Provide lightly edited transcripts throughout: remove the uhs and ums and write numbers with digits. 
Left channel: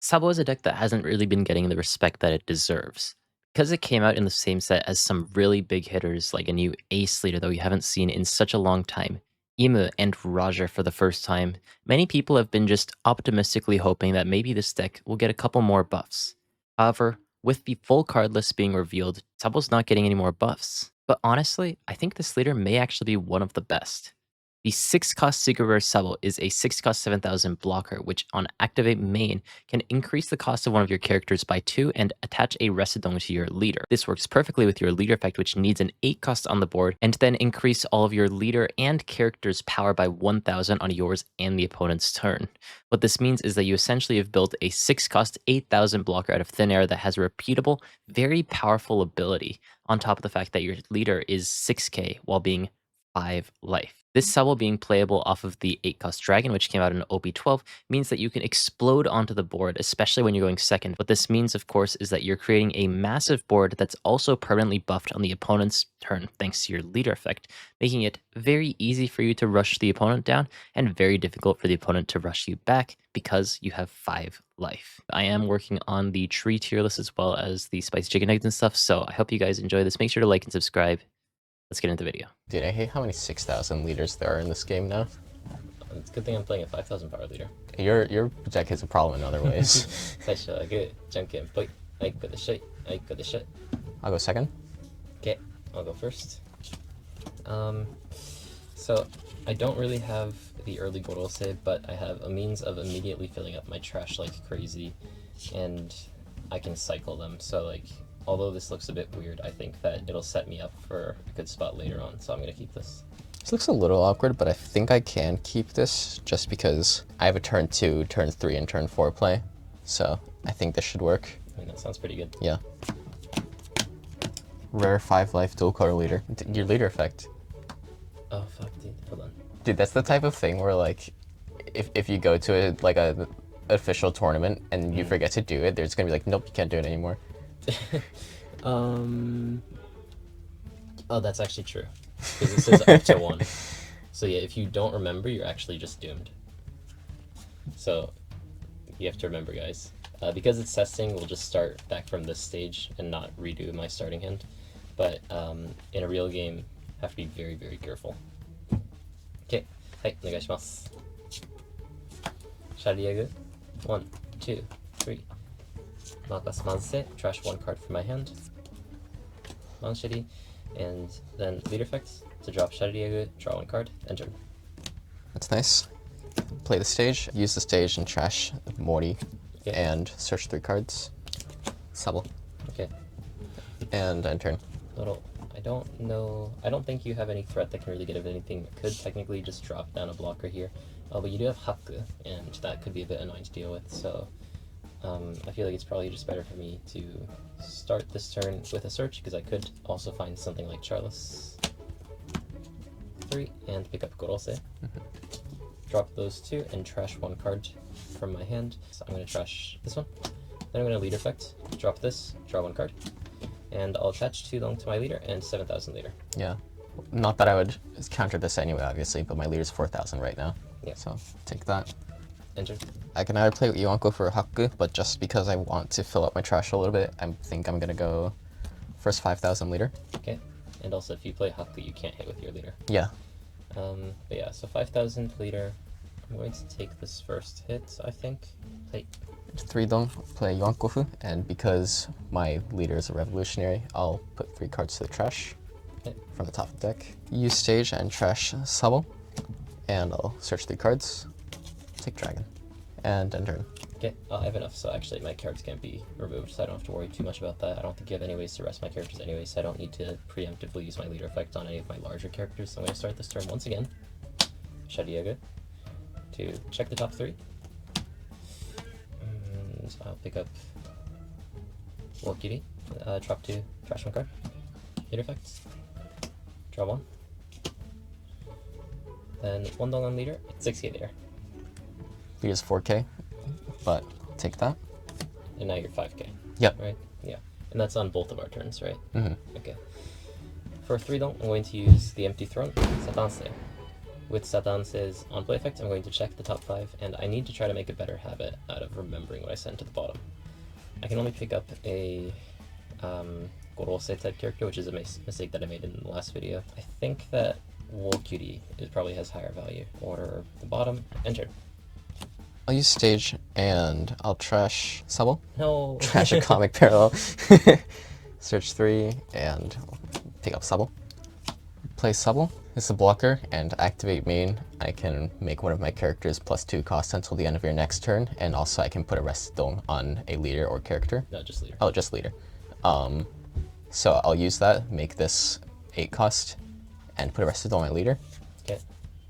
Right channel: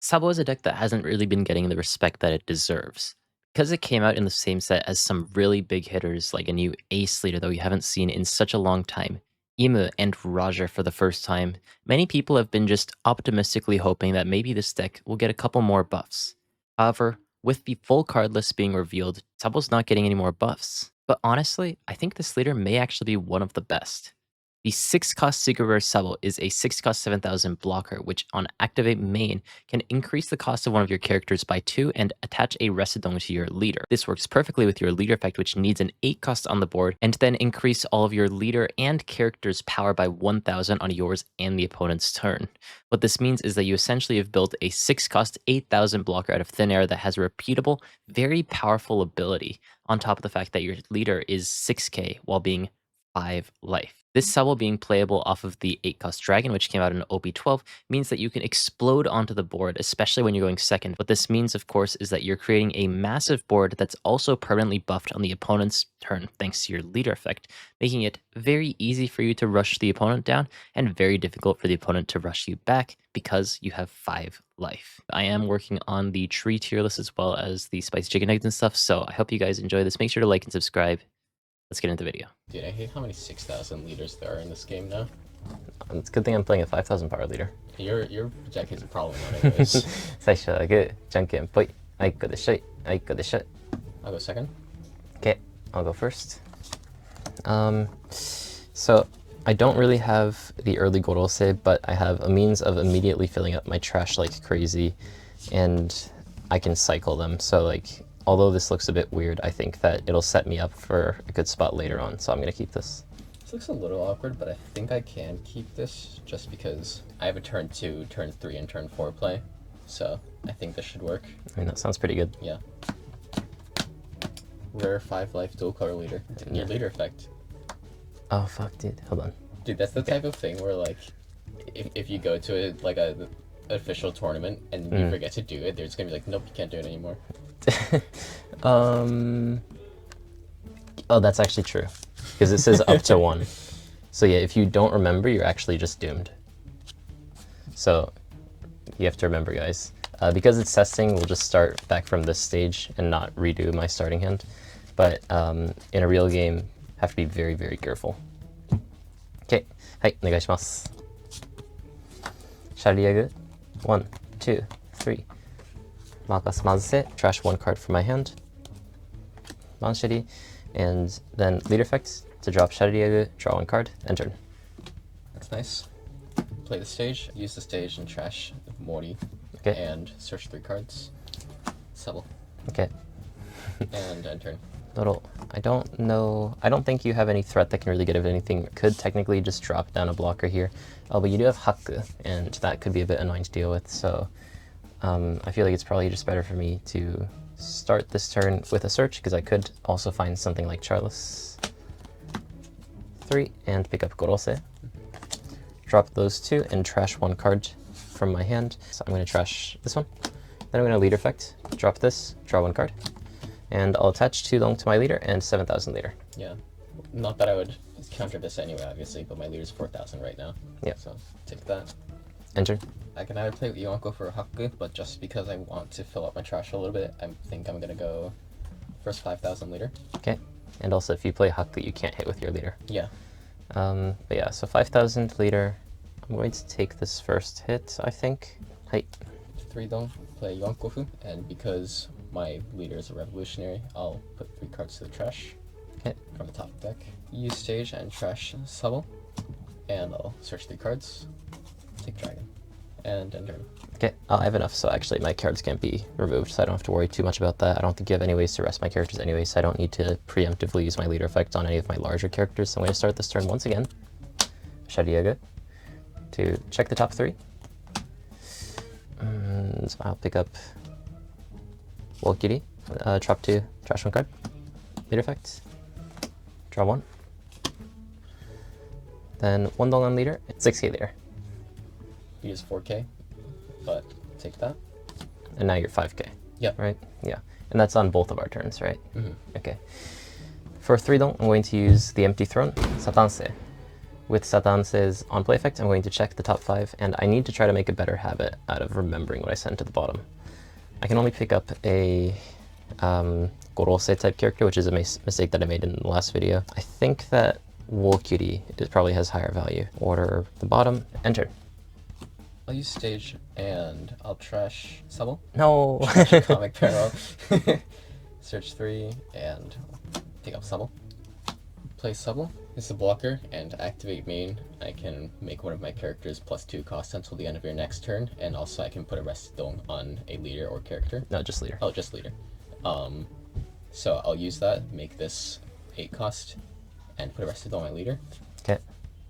Sabo is a deck that hasn't really been getting the respect that it deserves. Because it came out in the same set as some really big hitters like a new Ace leader that we haven't seen in such a long time, Imu and Raja for the first time, many people have been just optimistically hoping that maybe this deck will get a couple more buffs. However, with the full card list being revealed, Sabo's not getting any more buffs. But honestly, I think this leader may actually be one of the best. The 6-cost Secret Rare Sabo is a 6-cost 7,000 blocker, which on Activate Main can increase the cost of one of your characters by 2 and attach a Residong to your leader. This works perfectly with your leader effect, which needs an 8 cost on the board, and then increase all of your leader and character's power by 1,000 on yours and the opponent's turn. What this means is that you essentially have built a 6-cost 8,000 blocker out of thin air that has a repeatable, very powerful ability, on top of the fact that your leader is 6k while being 5 life. This Sabo being playable off of the 8-cost Dragon, which came out in OP12, means that you can explode onto the board, especially when you're going second. What this means, of course, is that you're creating a massive board that's also permanently buffed on the opponent's turn, thanks to your leader effect, making it very easy for you to rush the opponent down, and very difficult for the opponent to rush you back, because you have 5 life. I am working on the tree tier list as well as the spicy chicken nuggets and stuff, so I hope you guys enjoy this. Make sure to like and subscribe. Let's get into the video. Dude, I hate how many 6,000 liters there are in this game now. It's a good thing I'm playing a 5,000 power leader. Your deck is a problem in other ways. 最初はグー、じゃんけんぽい。あいこでしょい。あいこでしょい。 I'll go second. Okay, I'll go first. So I don't really have the early Gorose, but I have a means of immediately filling up my trash like crazy, and I can cycle them. So like, although this looks a bit weird, I think that it'll set me up for a good spot later on, so I'm gonna keep this. This looks a little awkward, but I think I can keep this just because I have a turn 2, turn 3, and turn 4 play. So I think this should work. I mean, that sounds pretty good. Yeah. Rare 5 life dual color leader. Your leader effect. Oh fuck, dude. Hold on. Dude, that's the type of thing where like, if you go to a official tournament and you forget to do it, there's gonna be like, nope, you can't do it anymore. Oh, that's actually true, because it says up to 1. So yeah, if you don't remember, you're actually just doomed. So you have to remember, guys. Because it's testing, we'll just start back from this stage and not redo my starting hand. But in a real game, have to be very, very careful. Okay, はい、お願いします。シャリアグ、1, 2, 3. Marcus Manse, trash 1 card from my hand. Manshiri, and then leader effect to drop Shariagu, draw 1 card, and turn. That's nice. Play the stage, use the stage and trash Mori, okay, and search 3 cards. Sabo. Okay. And end turn. Little, I don't think you have any threat that can really get rid of anything. Could technically just drop down a blocker here. Oh, but you do have Haku, and that could be a bit annoying to deal with, so I feel like it's probably just better for me to start this turn with a search, because I could also find something like Charles 3 and pick up Gorose. Drop those 2 and trash 1 card from my hand. So I'm going to trash this one. Then I'm going to leader effect, drop this, draw 1 card. And I'll attach 2 long to my leader and 7,000 leader. Yeah. Not that I would counter this anyway, obviously, but my leader's 4,000 right now. Yeah. So take that. Enter. I can either play Iwanko for Haku, but just because I want to fill up my trash a little bit, I think I'm gonna go first 5,000 leader. Okay. And also, if you play Haku, you can't hit with your leader. Yeah. But yeah, so 5,000 leader. I'm going to take this first hit, I think. Hi. 3 dong, play Iwanko, and because my leader is a revolutionary, I'll put 3 cards to the trash. Okay. From the top of the deck. Use stage and trash Sabo, and I'll search 3 cards. Take dragon. And end turn. Okay, I have enough, so actually my cards can't be removed, so I don't have to worry too much about that. I don't think you have any ways to rest my characters anyway, so I don't need to preemptively use my leader effect on any of my larger characters. So I'm going to start this turn once again. Shariaga to check the top 3. And I'll pick up Walkiri, drop 2, trash 1 card. Leader effect, draw 1. Then 1 dong on leader, 6k leader. We use 4k, but take that. And now you're 5k. Yep. Right? Yeah. And that's on both of our turns, right? Mm-hmm. Okay. For 3 dong, I'm going to use the empty throne, Satanse. With Satanse's on-play effect, I'm going to check the top 5, and I need to try to make a better habit out of remembering what I sent to the bottom. I can only pick up a Gorose type character, which is a mistake that I made in the last video. I think that Wool Cutie probably has higher value. Order the bottom, enter. I'll use stage and I'll trash Subbel. No! Trash a comic parallel. Search 3 and pick up Subbel. Play Subbel. It's a blocker, and activate main. I can make one of my characters +2 cost until the end of your next turn, and also I can put a Rested Dong on a leader or character. No, just leader. Oh, just leader. So I'll use that, make this 8 cost, and put a Rested Dong on my leader. Okay.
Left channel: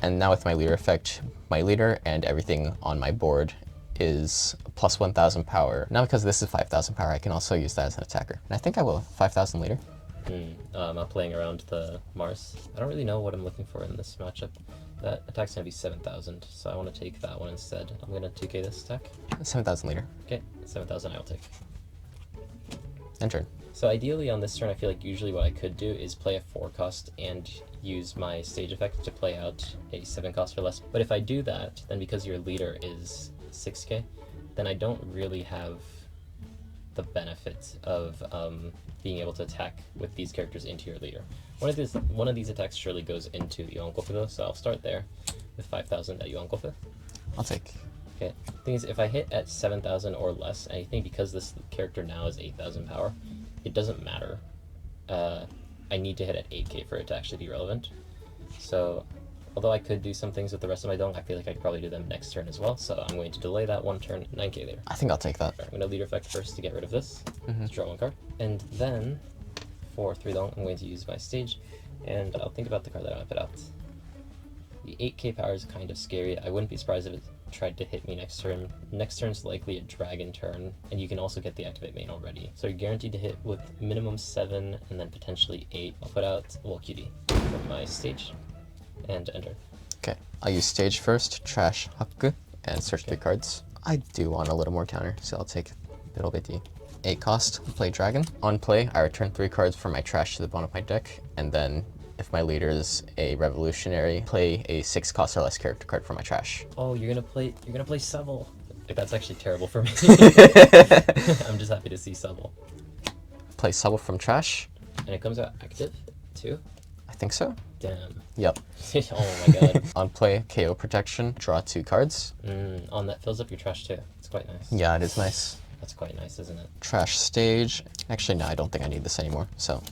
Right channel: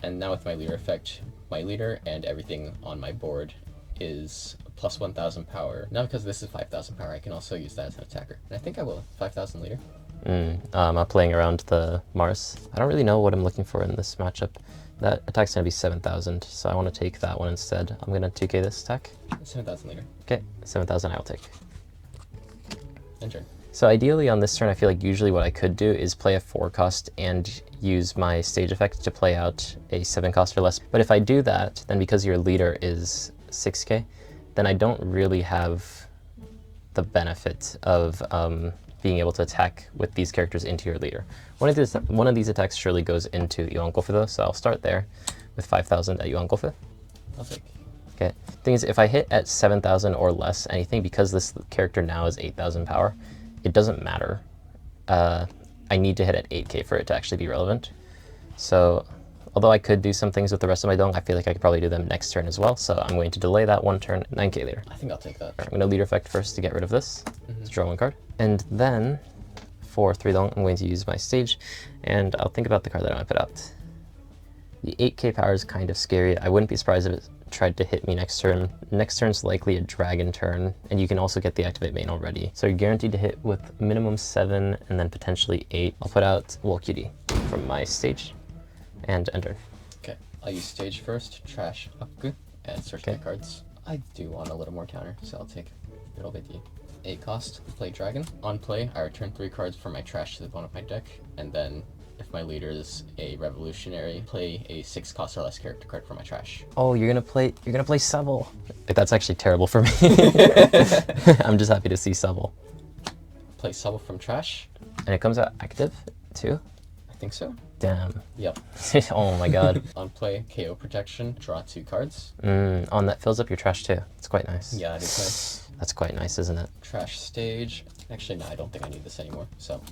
And now with my leader effect, my leader and everything on my board is +1000 power. Now because this is 5000 power, I can also use that as an attacker. And I think I will. 5000 leader. I'm playing around the Mars. I don't really know what I'm looking for in this matchup. That attack's going to be 7000, so I want to take that one instead. I'm going to 2k this attack. 7000 leader. Okay, 7000 I'll take. Enter. So ideally on this turn, I feel like usually what I could do is play a 4 cost and use my stage effect to play out a 7 cost or less. But if I do that, then because your leader is 6k, then I don't really have the benefit of being able to attack with these characters into your leader. One of these attacks surely goes into Yuankofu though, so I'll start there with 5000 at Yuankofu. I'll take. Okay. Thing is, if I hit at 7000 or less anything, because this character now is 8000 power, it doesn't matter. I need to hit at 8k for it to actually be relevant. So, although I could do some things with the rest of my dong, I feel like I could probably do them next turn as well, so I'm going to delay that one turn, 9k later. I think I'll take that. I'm going to leader effect first to get rid of this. Let's draw 1 card. And then, for 3 dong, I'm going to use my stage, and I'll think about the card that I want to put out. The 8k power is kind of scary. I wouldn't be surprised if it tried to hit me next turn. Next turn's likely a dragon turn, and you can also get the activate main already. So you're guaranteed to hit with minimum 7 and then potentially 8. I'll put out Wool Cutie from my stage and enter. Okay, I'll use stage first, trash Haku, and search 3 cards. I do want a little more counter, so I'll take a little bit. 8 cost, play dragon. On play, I return 3 cards from my trash to the bottom of my deck, and then if my leader is a revolutionary, play a 6 cost or less character card from my trash. Oh, you're gonna play Subbel. Like, that's actually terrible for me. I'm just happy to see Subbel. Play Subbel from trash. And it comes out active too? I think so. Damn. Yep. Oh my god. On play, KO protection, draw 2 cards. That fills up your trash too. It's quite nice. Yeah, it is nice. That's quite nice, isn't it? Trash stage. Actually, no, I don't think I need this anymore. So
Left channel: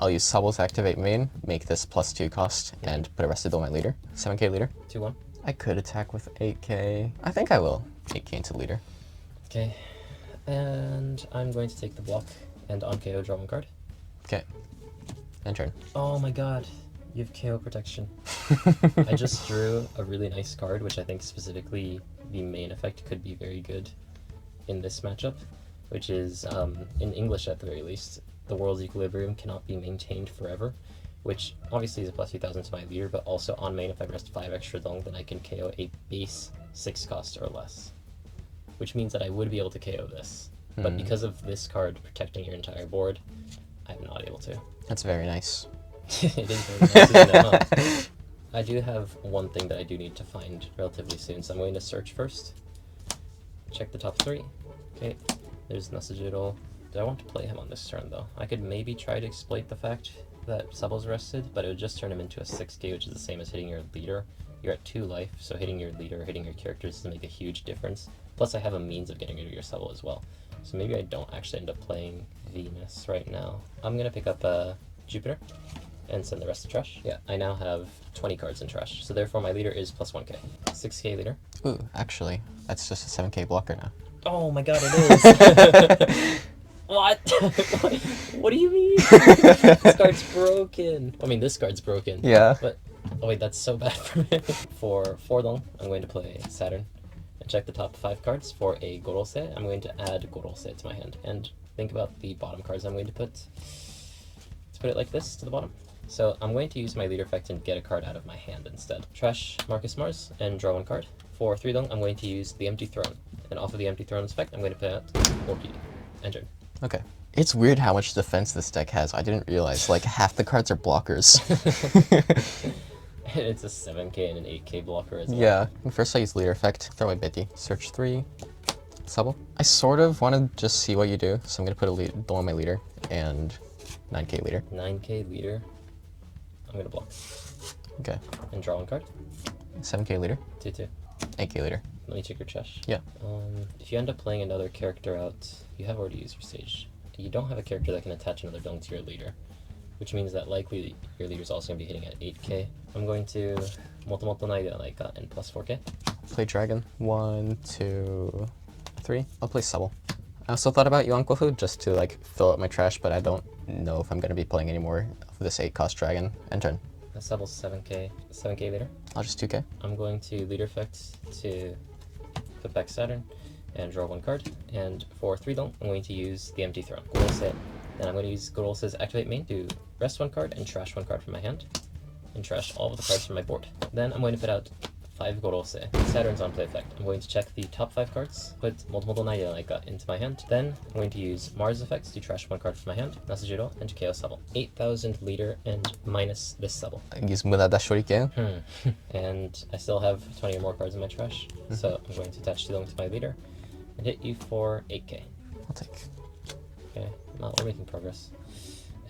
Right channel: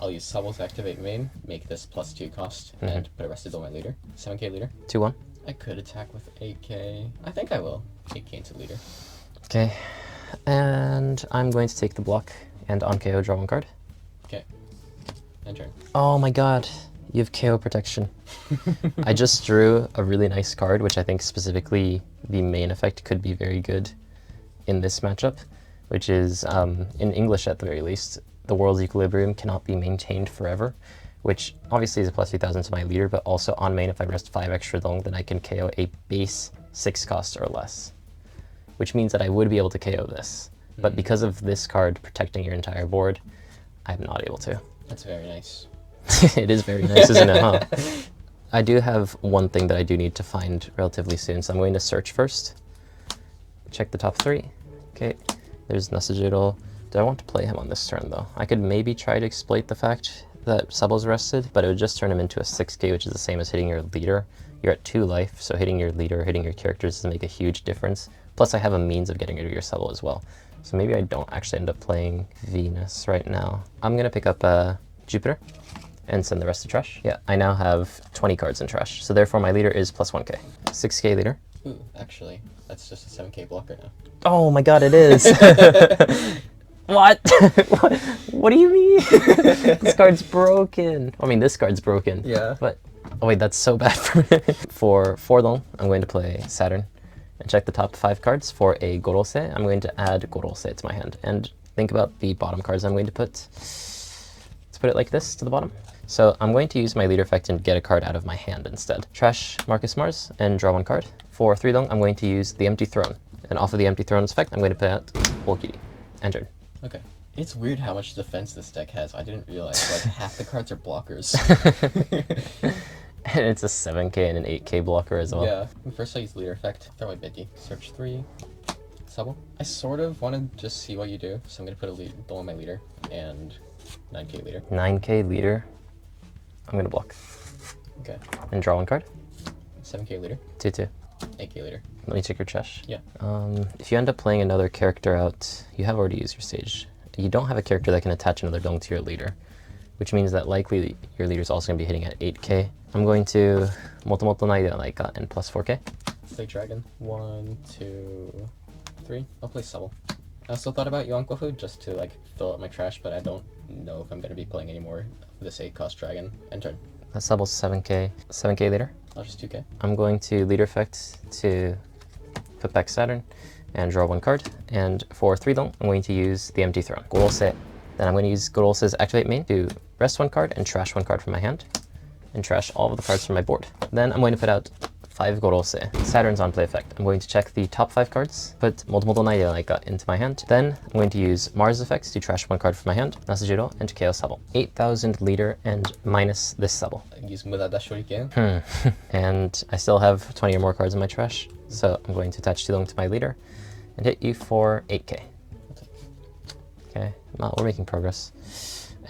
I'll use Subbel's activate main, make this +2 cost, and put a Rested on my leader. 7k leader. 2-1. I could attack with 8k. I think I will. 8k into leader. Okay. And I'm going to take the block and on KO draw 1 card. Okay. End turn. Oh my god. You have KO protection. I just drew a really nice card, which I think specifically the main effect could be very good in this matchup, which is, in English at the very least, the world's equilibrium cannot be maintained forever, which obviously is a +3000 to my leader, but also on main, if I rest 5 extra dong, then I can KO a base 6 cost or less, which means that I would be able to KO this. But because of this card protecting your entire board, I'm not able to. That's very nice. It is very nice, isn't it, huh? I do have one thing that I do need to find relatively soon, so I'm going to search first. Check the top 3. Okay, there's Nasajiro. Do I want to play him on this turn, though? I could maybe try to exploit the fact that Subbel's rested, but it would just turn him into a 6k, which is the same as hitting your leader. You're at 2 life, so hitting your leader, hitting your characters doesn't make a huge difference. Plus, I have a means of getting rid of your Subbel as well. So maybe I don't actually end up playing Venus right now. I'm going to pick up Jupiter and send the rest to trash. Yeah, I now have 20 cards in trash, so therefore my leader is +1k. 6k leader. Ooh, actually, that's just a 7k blocker now. Oh my god, it is! What? What do you mean? This card's broken. I mean, this card's broken. Yeah. But, oh wait, that's so bad for me. For 4 dong, I'm going to play Saturn and check the top 5 cards. For a Gorose, I'm going to add Gorose to my hand. And think about the bottom cards I'm going to put. Let's put it like this to the bottom. So I'm going to use my leader effect and get a card out of my hand instead. Trash Marcus Mars and draw 1 card. For 3 dong, I'm going to use the Empty Throne. And off of the Empty Throne's effect, I'm going to put out Wool Cutie. Entered. Okay. It's weird how much defense this deck has. I didn't realize, like, half the cards are blockers. And it's a 7k and an 8k blocker as well. Yeah. First I use leader effect, throw away Bitty. Search 3, Subble. I sort of want to just see what you do, so I'm going to put a lead on my leader and 9k leader. 9k leader. I'm gonna block. Okay. And draw one card. 7k leader. 2/2. 8k leader. Let me check your trash. Yeah. If you end up playing another character out, you have already used your stage. You don't have a character that can attach another dong to your leader, which means that likely your leader is also going to be hitting at 8k. I'm going to Motomoto iKailaKai and plus 4k. Play dragon. 1, 2, 3. I'll play Subble. I also thought about Yuan just to like fill up my trash, but I don't know if I'm going to be playing any more of this 8-cost dragon. End turn. That's double 7k. 7k leader. I'll just 2k. I'm going to leader effect to put back Saturn and draw one card. And for 3 dong, I'm going to use the empty throne. Gorose. Then I'm going to use Gorose's activate main to rest one card and trash one card from my hand. And trash all of the cards from my board. Then I'm going to put out 5 Gorose. Saturn's on play effect. I'm going to check the top 5 cards, put Motomoto iKailaKai into my hand. Then I'm going to use Mars effects to trash one card from my hand, Nasujiro, and to KO Subble. 8,000 leader and minus this Subble. Use Murada Shuriken. And I still have 20 or more cards in my trash, so I'm going to attach 2 to my leader and hit you for 8k. I'll take. Okay, well, we're making progress.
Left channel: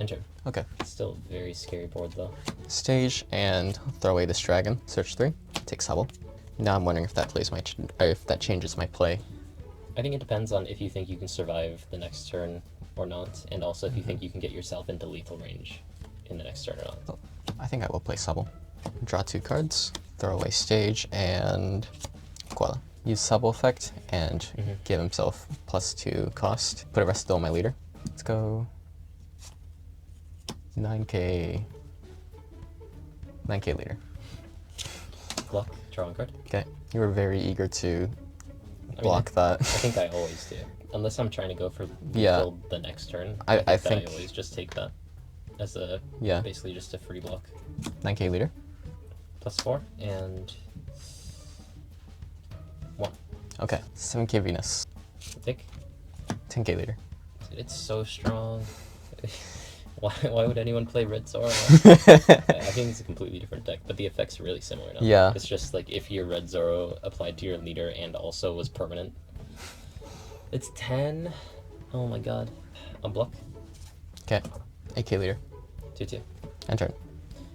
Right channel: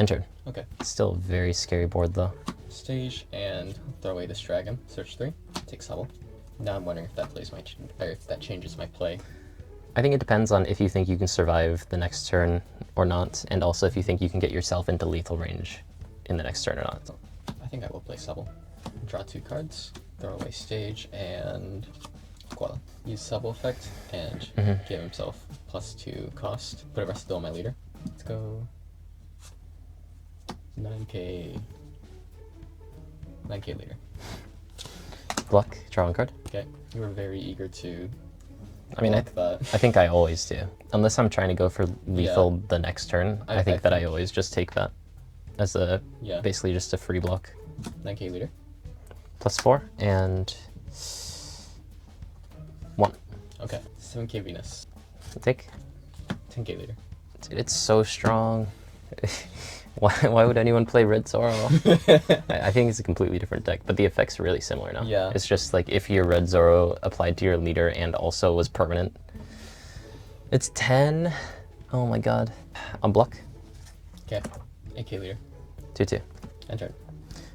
End turn. Okay. Still a very scary board though. Stage and throw away this dragon. Search 3. Take Subble. Now I'm wondering if that plays my or if that changes my play. I think it depends on if you think you can survive the next turn or not, and also if you think you can get yourself into lethal range in the next turn or not. I think I will play Subble. Draw 2 cards. Throw away stage and Koala. Use Subble effect and give himself +2 cost. Put a rest on my leader. Let's go 9k. 9k leader. Block, draw one card. Okay. You were very eager to I mean, block that. I think I always do. Unless I'm trying to go for lethal the next turn, I think I always just take that as a basically just a free block. 9k leader. +4 and 1. Okay. 7k Venus. Take. 10k leader. Dude, it's so strong. Why would anyone play Red Zoro? I think it's a completely different deck, but the effects are really similar now. Yeah. It's just like if your Red Zoro applied to your leader and also was permanent. It's 10. Oh my god. Unblock. Okay. 8k leader. 2/2. End turn.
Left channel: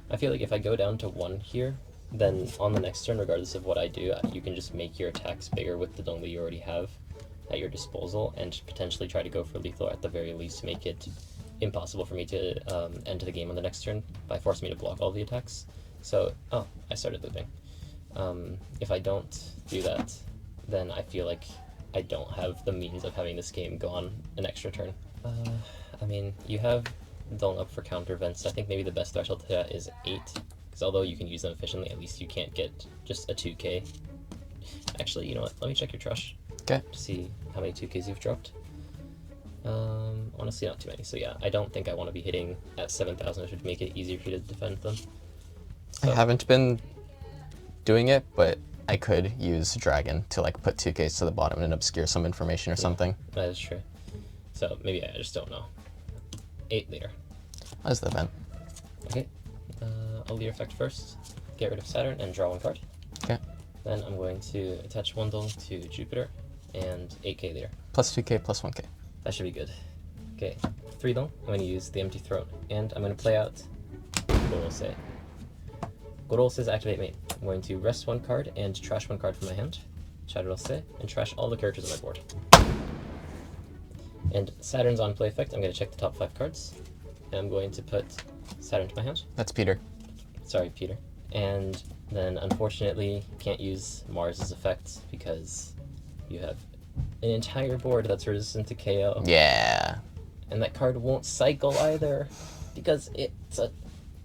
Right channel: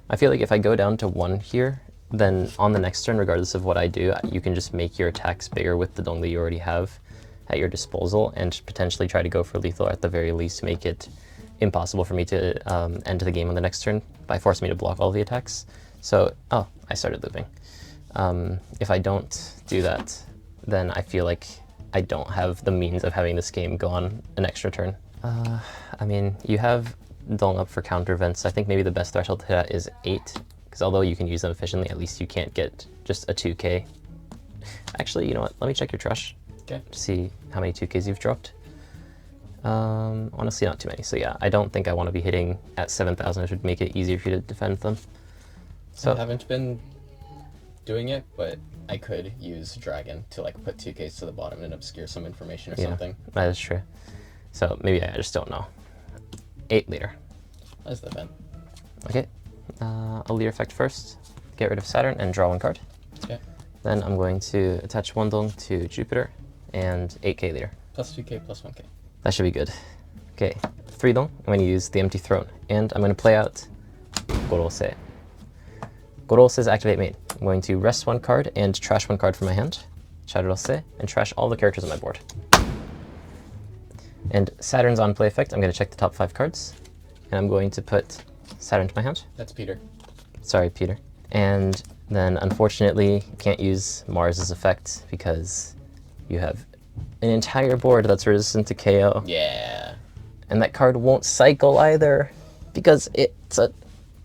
I feel like if I go down to 1 here, then on the next turn, regardless of what I do, you can just make your attacks bigger with the dong that you already have at your disposal and potentially try to go for lethal, or at the very least make it impossible for me to end the game on the next turn by forcing me to block all the attacks. So, oh, I started looping. If I don't do that, then I feel like I don't have the means of having this game go on an extra turn. I mean, you have dong up for counter events. I think maybe the best threshold to that is 8, because although you can use them efficiently, at least you can't get just a 2k. Actually, you know what? Let me check your trash. Okay. To see how many 2ks you've dropped. Honestly, not too many. So yeah, I don't think I want to be hitting at 7,000. It would make it easier for you to defend them. So I haven't been doing it, but I could use Dragon to like put 2Ks to the bottom and obscure some information or something. That is true. So maybe I just don't know. 8 leader. What is the event? Okay. I'll leader effect first. Get rid of Saturn and draw 1 card. Okay. Then I'm going to attach 1 dong to Jupiter and 8k leader. +2k, +1k. That should be good. Okay, 3 dong. I'm going to use the empty throne, and I'm going to play out Gorose. Gorose's activate main. I'm going to rest 1 card and trash 1 card from my hand. Charose, and trash all the characters on my board. And Saturn's on play effect. I'm going to check the top 5 cards, and I'm going to put Saturn to my hand. That's Peter. Sorry, Peter. And then, unfortunately, can't use Mars's effect because you have an entire board that's resistant to KO. Yeah. And that card won't cycle either because it's a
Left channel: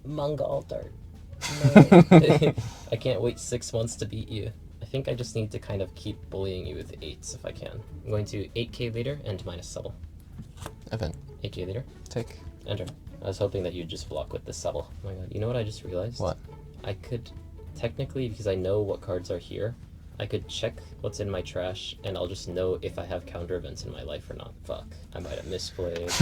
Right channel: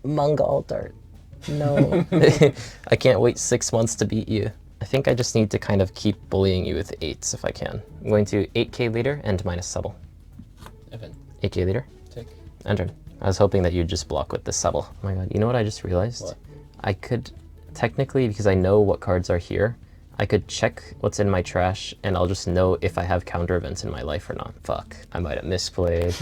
manga altar. No. I can't wait 6 months to beat you. I think I just need to kind of keep bullying you with 8s if I can. I'm going to 8k leader and minus Subble. Event. 8k leader. Take. Enter. I was hoping that you'd just block with the Subble. Oh my god, you know what I just realized? What? I could, technically, because I know what cards are here, I could check what's in my trash, and I'll just know if I have counter events in my life or not. Fuck, I might have misplayed.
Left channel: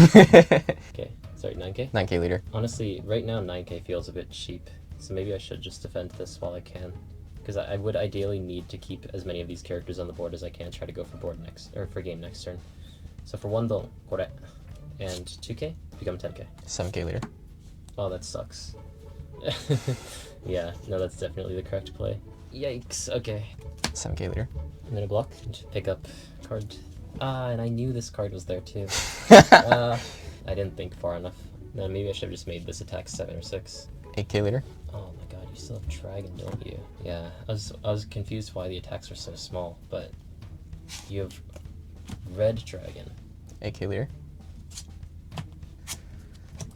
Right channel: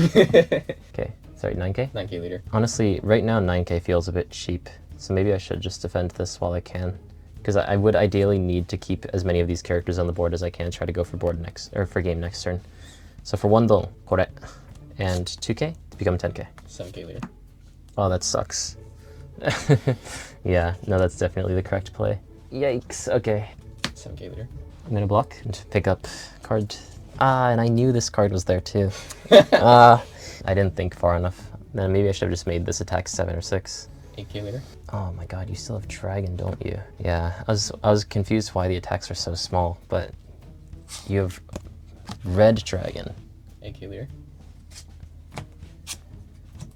Okay, sorry, 9k? 9k leader. Honestly, right now 9k feels a bit cheap, So maybe I should just defend this while I can. Because I would ideally need to keep as many of these characters on the board as I can, try to go for board next, or for game next turn. So for 1 dong, kore. And 2k, become 10k. 7k leader. Oh, that sucks. Yeah, no, that's definitely the correct play. Yikes, okay. 7k leader. I'm gonna block and pick up card. Ah, and I knew this card was there too. I didn't think far enough. Then maybe I should have just made this attack 7 or 6. 8k leader. Oh my god, you still have dragon, don't you? Yeah, I was confused why the attacks are so small, but you have red dragon. 8k leader.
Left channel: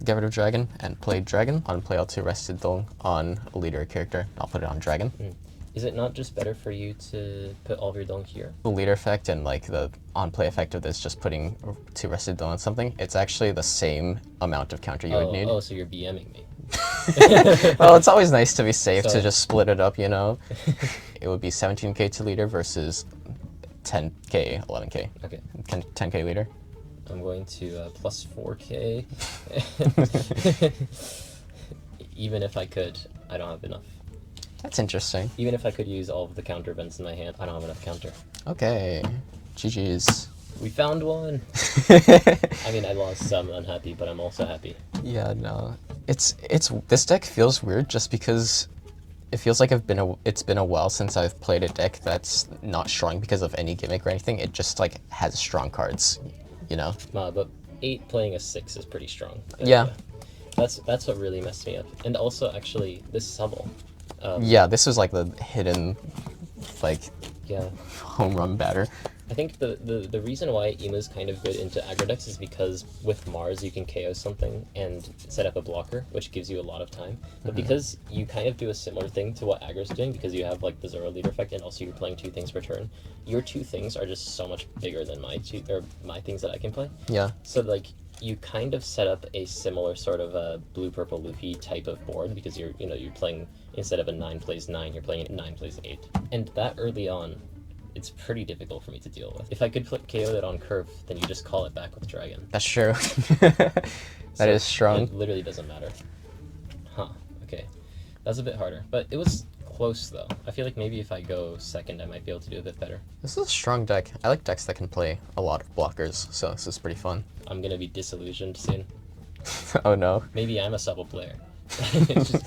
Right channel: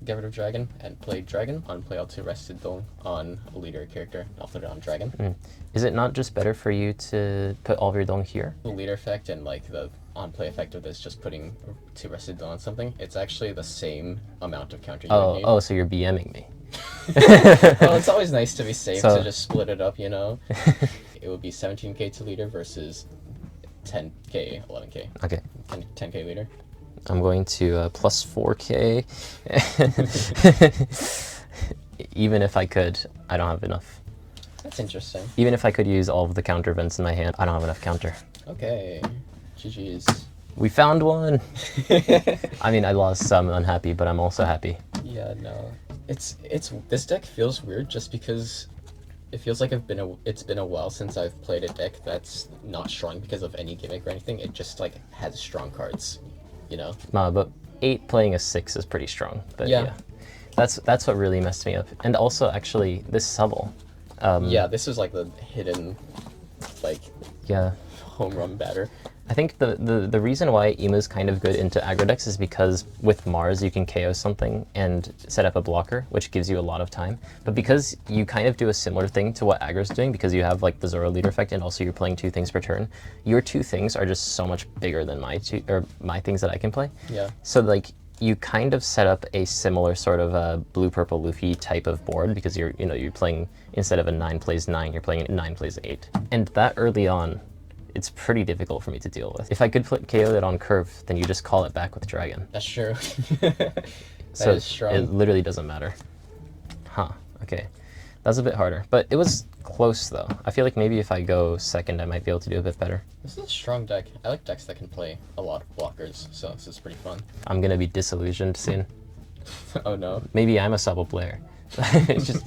Get rid of dragon and play dragon on play L2 rested dong on a leader character. I'll put it on dragon. Is it not just better for you to put all of your dong here? The leader effect and like the on play effect of this, just putting 2 rested dong on something, it's actually the same amount of counter you would need. Oh, so you're BMing me. Well, it's always nice to be safe So- to just split it up, you know? It would be 17k to leader versus 10k, 11k. Okay, 10k leader. I'm going to plus 4k. Even if I could, I don't have enough. That's interesting. Even if I could use all of the counter events in my hand, I don't have enough counter. Okay. GG's. We found one! I mean, I lost, so I'm unhappy, but I'm also happy. Yeah, no. It's this deck feels weird just because it feels like it's been a while since I've played a deck that's not strong because of any gimmick or anything. It just like has strong cards, you know? But 8 playing a 6 is pretty strong. But Yeah. That's what really messed me up. And also, actually, this Subbel. Yeah, this was like the hidden, like, Yeah. home run batter. I think the reason why Imu's kind of good into aggro decks is because with Mars you can KO something and set up a blocker, which gives you a lot of time. But because you kind of do a similar thing to what aggro's doing, because you have like the Zoro leader effect and also you're playing 2 things per turn, your 2 things are just so much bigger than my things that I can play. Yeah. So like you kind of set up a similar sort of blue purple Luffy type of board because you're playing, instead of a 9 plays 9, you're playing 9 plays 8. And that early on, it's pretty difficult for me to deal with. If I could KO it on curve, then you just call it back with dragon. That's true. So That is strong. It literally doesn't matter. Huh, okay. That's a bit harder, but it was close though. I feel like maybe if I go second, I might be able to do a bit better. This is a strong deck. I like decks that can play a lot of blockers, so this is pretty fun. I'm gonna be disillusioned soon. Oh no. Maybe I'm a Subbel player. It's just